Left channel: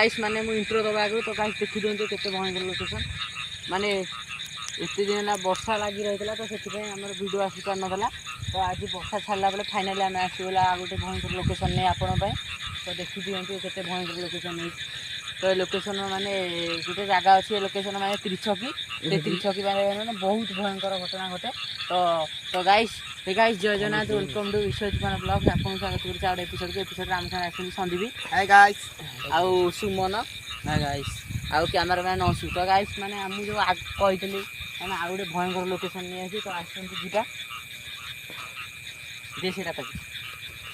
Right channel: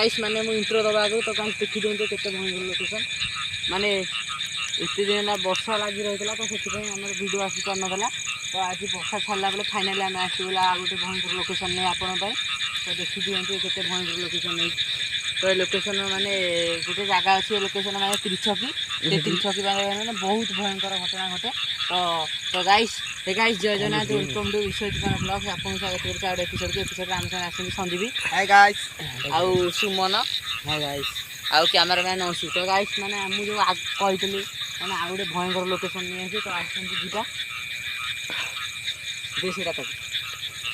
Guys माने मु intro दबा आगे तो गाइस देखि दियंते केते भयंकर लोकेशन माने एते दिन ना वर्षा लागि रहितला तो सेति पे हमर वीडियो आसी पार नथला तो आज वर्षा छाडला बेले फाइनली हम आसीला आ गोटे भयंकर लोकेशन नै आपन पय तो देखि दियंते केते भयंकर लोकेशन नै तो लोकेशन माने गोटे जगह अच्छी लोकेशन माने त्रिछकी माने बहुत भयंकर घटना घटे तो गाइस जय जगन्नाथ वेलकम टू विश्वजीवन ब्लॉग आपन स्वागत करछ आउट एपिसोड हम संग आसी संदीप हाय गाइस आउ सुमन हाय गाइस आउ कैमरामैन अंशु तो गाइस माने हम जो आज कहितली माने आ गोटे भयंकर लोकेशन नै अछि तो आसंती जीटा देसीटा तक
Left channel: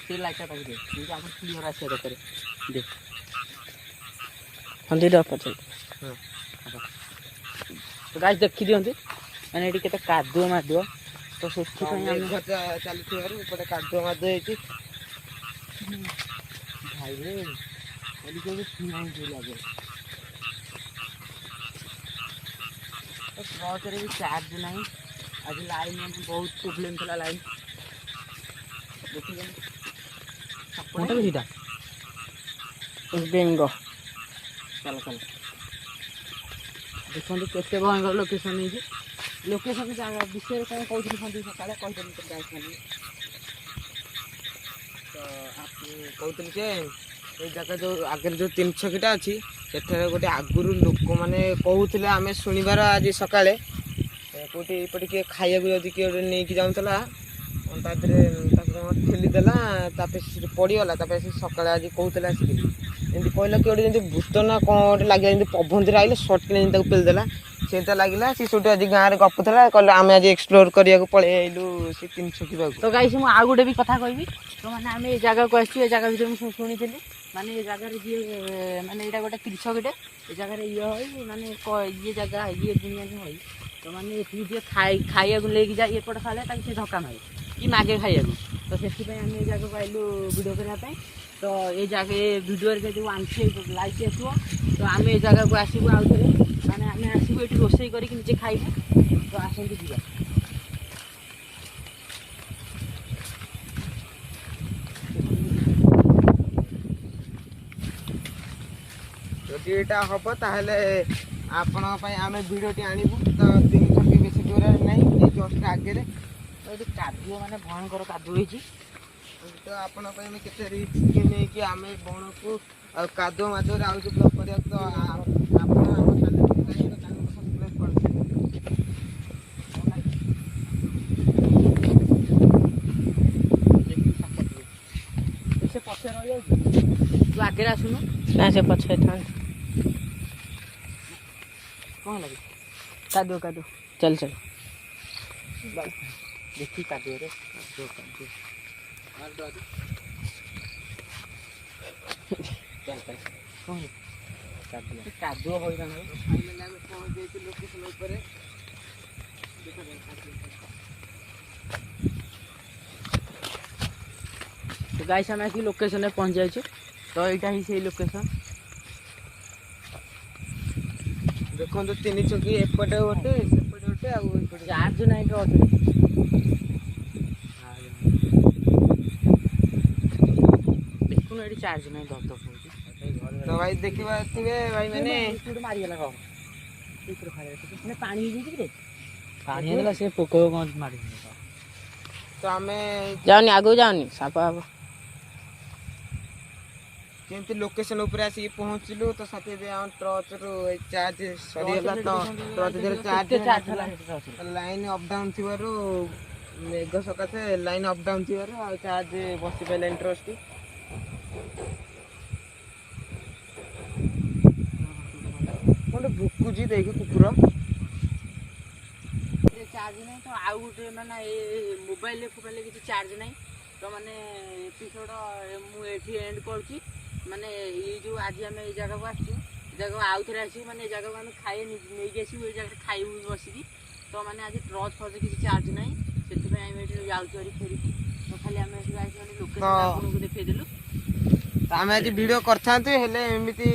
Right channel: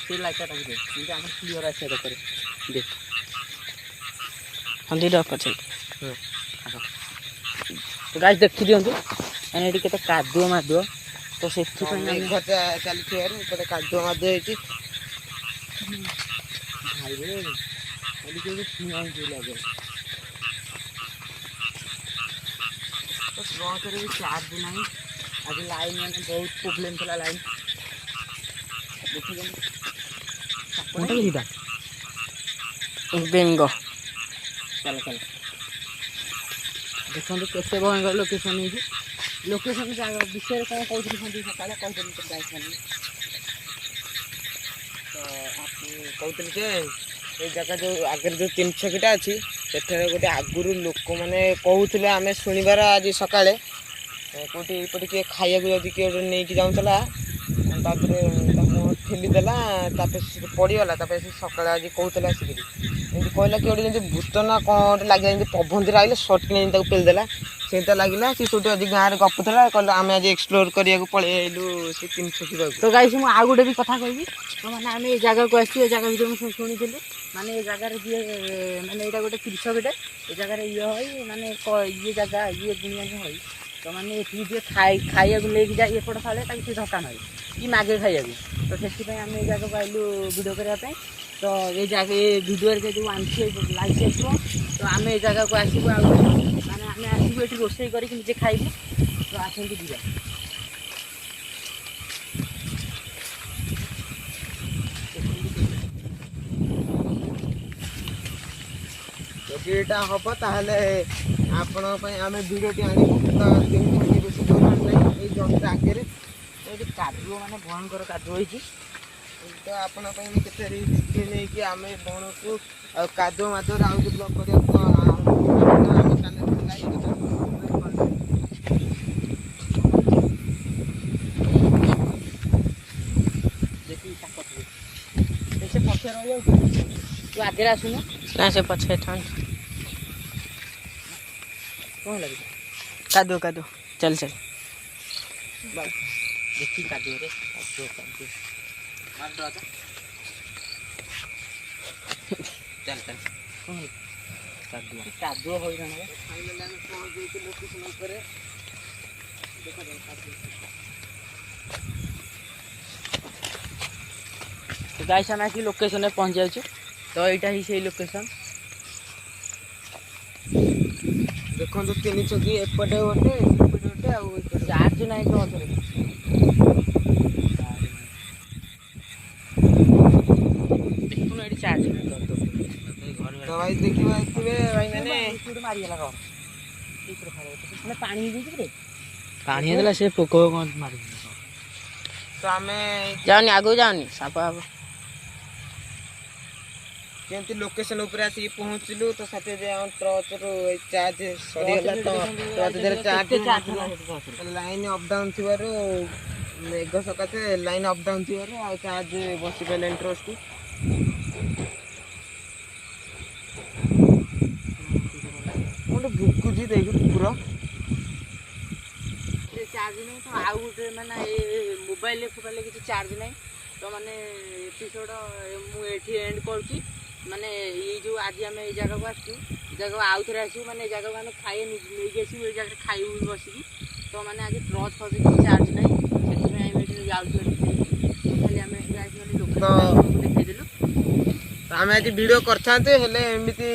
सी लाइटा तक दे जे हम क्लियर आसे करे देख हंदी डॉ पछे तो गाइस देखि दियंतु माने एटी केते कादुआ मादुआ तो सेठी पे हम घर चली थियार ऊपर कादुआ मादुआ हेची भाई रे एटी के सुनाई दे लागे तो स्लॉट रे भी चार्ज नहीं आज लाइन में बहुत प्रॉब्लम थला लाइन देखि गन मोटा सीधा बेंगो चलो चलो देखो केते भयंकर लोकेशन नहीं लोकेशन जगह विषय कौन कहते संदीप सकाଳେ कहते तो गाइस माने तो आप कहते के ए जगह जो आगे जो 3 छकीटा अछि सेठे गोटे आगुरु लोक माने कहउथिले हमें सुनिबार आज सकाळे कोटी पटी के खाइया को जदी के नै कि जाउतला तादरे ताको ठेली देला तापे से पड़ी गला तापे से सकाळे आज कहउतला आसी एंती कहला कि ओडे जेंती भूत ना कोन लागि जेंती पबंदी राइले शॉर्ट के जेंती ताको पेल देला सेटा लागिला सी सोटी आज गां रे गपथला कहला हमें आज एक्सप्लोर करिया को पळे आइलु से 3 छकी जाउ तो गाइस मु आ गुडे भी कथा कहबी तो माने हमें ए जगह को आसी ए जगह वीडियो में सुनिथिलु माने ए जगह रे जे माने एटा गोटे तीर्थ गोटे ए जगह रे ये होई माने ये जगह ये दुनिया में होई तो माने एठी जे खाइया को लेके जाय एपट फाले ताकि से धक्का मारे कि मागे खाइया तो सेठी पे हम ए जगह को आइलु वीडियो करिया पे तो ये जगह वीडियो रे जो आंसी लाइक आसो तो आम ए जगह को आसबू आ माने आम आसबू ये रोषे करके निजे खाइबू तो आसंतु जीवा যদি এটা হব তাহলে আপনার পাই আমি ভিডিওটি আনিবু তো 3 ঘন্টা বেশি দূর নাই এই জনটা আগে तो कादुआ माने भयंकर कादुआ होइची तो आपन पाई में केते रिस्क नै कि आमे बण को कादो मादो आउ जो ब्लॉक करे तो से पछे रह जाउ तू आगे आसुनु ना से पछे थान कोन लागे कादो कादो चल चल बाय देखी कादो रे मार दो आजा चल चल कोन कादो होई रहना फाइनली हम पहुंच गए थे लोकेशन ऊपर देखा जाए तो गाइस हम आसी लोकेशन में पहुंच जाइए तो यहाँ ही से लोकेशन देखो तो 3 छकी एपटे होते सेपटे होते आ चार्ज नहीं तो देखो एडी चार्ज नहीं तो भाई देखिबा तिबे भाई माने टूट मारी गेला रो इतर फारे तो पानी दे रे पानी देला से पोको कोन मारी तो हमें जाओनी आगो जाओनी सापा केमती लोकेशन ऊपर आसी पहुंचलु तो साथे जे हम ट्रच रो चार्ज सरी गला तो ट्रच दे चार्ज लाइन अप डाउन थिवारो मेघ सकासे लाइन अप डाउन थिवारो आ चार्ज बसी पेलेन ट्रच को मोटे भुकु जी देखि कुकुर चार्ज नहीं तो आउ गोटे माने मोबाइल किसी चार्ज नहीं तो माने एपिसोड मु एठी एंड करची माने ये जो आज आम ये जगह को आसू जगह आउ थे आसू माने जगह को आम खाए नहीं आसू ये जगह खाइबू बसिकी तो माने आज ट्रच फच किसी चार्ज नहीं से जाऊँ खाली आम लोकेशन देखदेलु आम आज वीडियो करते हेले एमती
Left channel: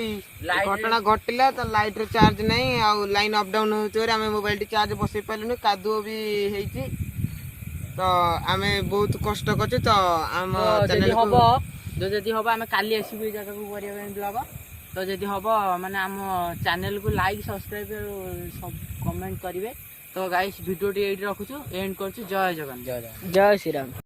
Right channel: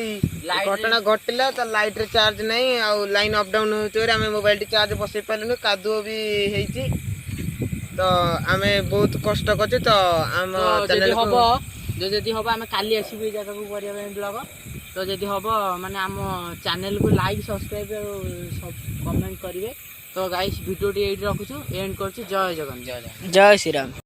घटना घटिला तो लाइट रे चार्ज नहीं आ लाइन अप डाउन होते आम मोबाइल चार्ज बसई पारे कादुओ भी होती तो आम बहुत कष्ट कर तो आम चैनल को जदि हम काली आसबू ये जगह को ब्लॉग ତ ଯଦି ହେବ ମାନେ ଆମ ଚ୍ୟାନେଲକୁ ଲାଇକ୍ ସବସ୍କ୍ରାଇବ୍ ସବୁ କମେଣ୍ଟ କରିବେ। ତ ଗାଇସ୍ ଭିଡ଼ିଓଟି ଏଇଠି ରଖୁଛୁ, ଏଣ୍ଡ କରୁଛୁ। ଜୟ ଜଗନ୍ନାଥ। ଜୟ ଶ୍ରୀରାମ।